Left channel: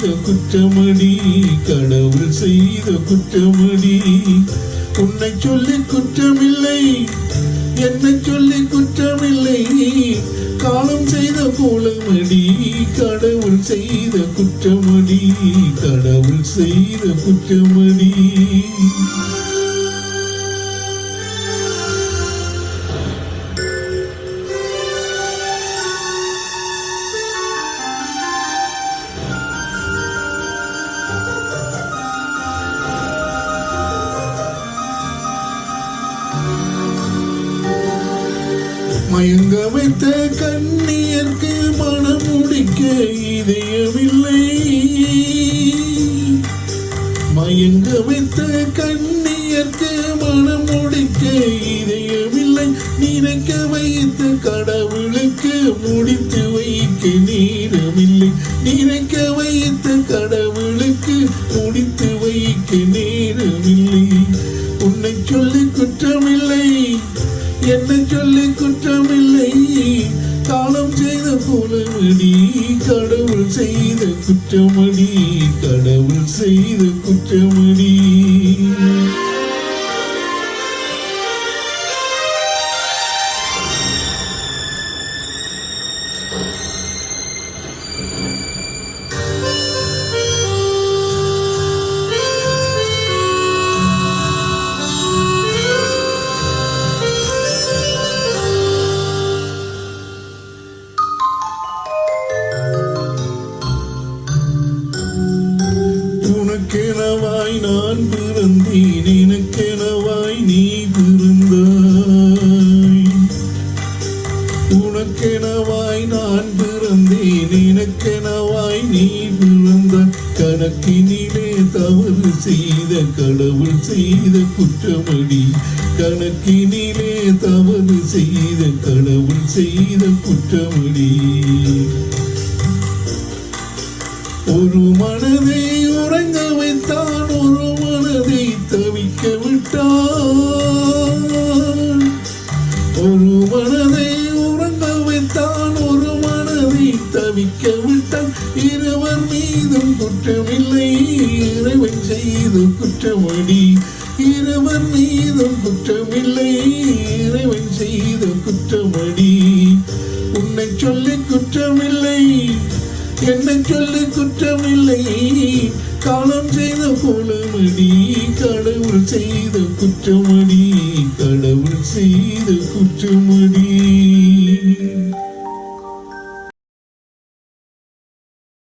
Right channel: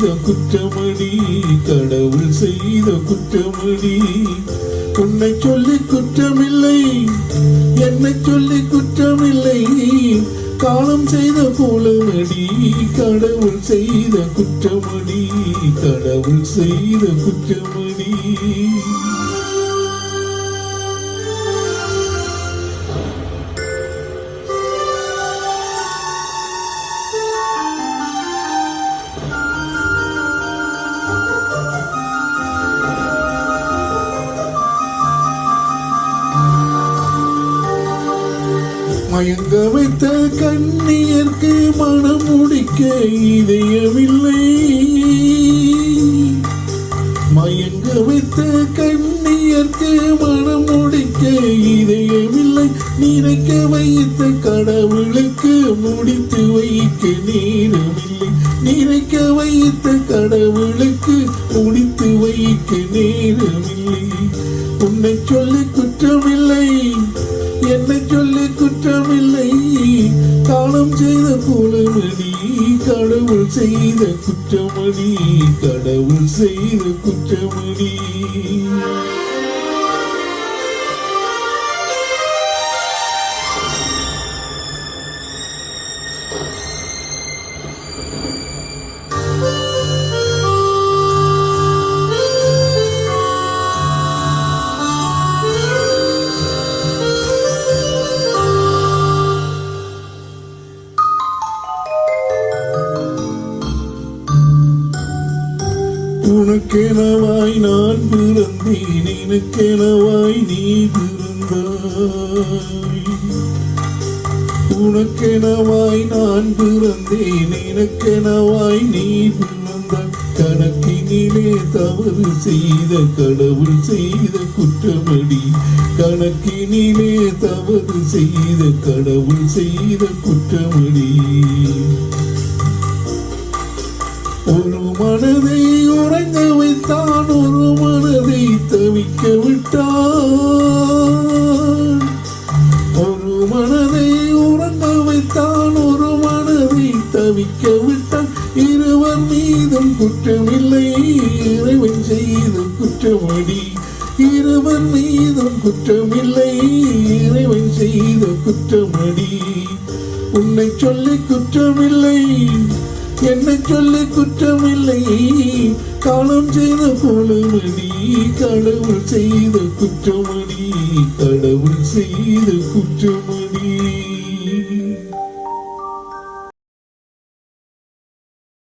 செய்த குற்றமடி, கடவுள் செய்த குற்றமடி. உன்னை சொல்லி குற்றமில்லை, என்னை சொல்லி குற்றமில்லை, காலம் செய்த கோலமடி, கடவுள் செய்த குற்றமடி, கடவுள் செய்த குற்றமடி. மயங்க வைத்த கண்ணியர்க்கு மனம் முடிக்க இதயமில்லை, மயங்க வைத்த கண்ணியர்க்கு மனம் முடிக்க இதயமில்லை. நினைக்க வைத்த கடவுளுக்கு முடித்து வைக்க நேரமில்லை, நினைக்க வைத்த கடவுளுக்கு முடித்து வைக்க நேரமில்லை. உன்னை சொல்லி குற்றமில்லை, என்னை சொல்லி குற்றமில்லை, காலம் செய்த கோலமடி, கடவுள் செய்த குற்றமடி, கடவுள் செய்த குற்றமடி. உனக்கெனவாய் நான் பிறந்தேன், எனக்கெனவாய் நீ பிறந்தாய். உனக்கெனவாய் நான் பிறந்தேன், எனக்கெனவாய் நீ பிறந்தாய். கணக்கினிலே தவறு செய்த கடவுள் செய்த குற்றமடி, கணக்கினிலே தவறு செய்த கடவுள் செய்த குற்றமடி. ஒரு மனதை உறங்க வைத்தான், ஒரு மனதை தவிக்க விட்டான். ஒரு மனதை உறங்க வைத்தான், ஒரு மனதை தவிக்க விட்டான். இருவர் மீதும் குற்றமில்லை, இறைவன் செய்த குற்றமடி, இருவர் மீதும் குற்றமில்லை, இறைவன் செய்த குற்றமடி. உன்னை சொல்லி குற்றமில்லை, என்னை சொல்லி குற்றமில்லை, காலம் செய்த கோலமடி, கடவுள் செய்த குற்றமடி, கடவுள் செய்த குற்றமடி.